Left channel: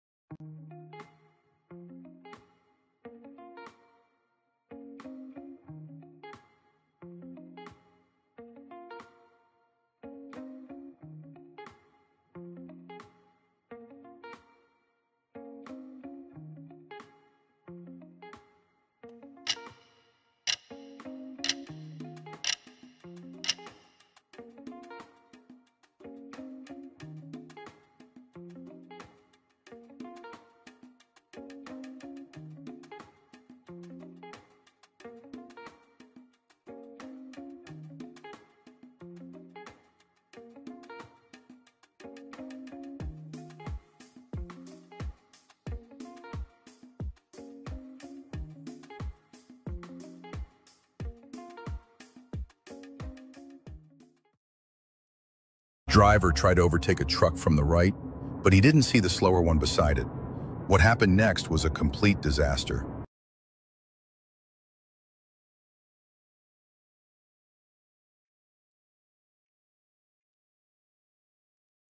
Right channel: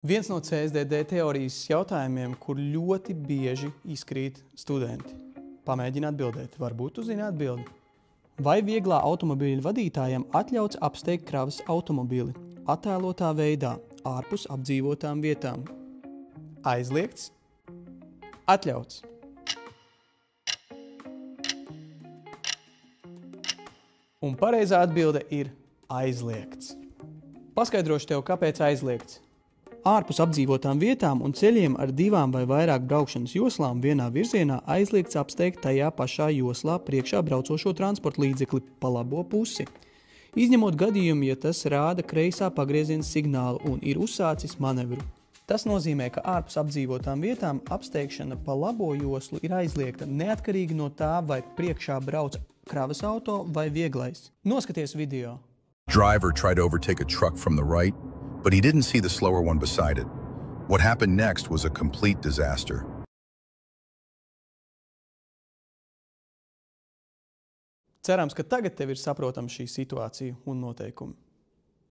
Viens no CSDD teorijas jautājumiem, kur ļoti bieži izkrīt studenti. Pamēģini atbildēt, varbūt tu zini atbildi. Vai vieglā automobīļa vadītājam atļauts apsteigt kravas automobīli attēlotā veidā ārpus apdzīvotām vietām? Aizliegts? Atļauts. Un pareizā atbilde ir aizliegts. Paskaidrošu tev, kāpēc aizliegts. Ārpus apdzīvotām vietām un ceļiem ar 2 vai vairāk braukšanas joslām vienā virzienā aizliegts apsteigt tajā pašā joslā priekšā braucošo transporta līdzekli pa labo pusi. Izņemot gadījumu, ja tas rāda kreisā pagrieziena signālu un ir uzsācis manevru. Tas nozīmē, ka ārpus apdzīvotām vietām apsteigšana pa labo joslu ir aizliegta neatkarīgi no tā, vai priekšā brauc kravas auto vai vieglais. Noskaties video. Driver tried to overtake a truck from the right, but he didn't see the slower one beside it. What happened next was a complete disaster. Cerams, ka tagad tev ir saprotama šī situācija un noteikumi.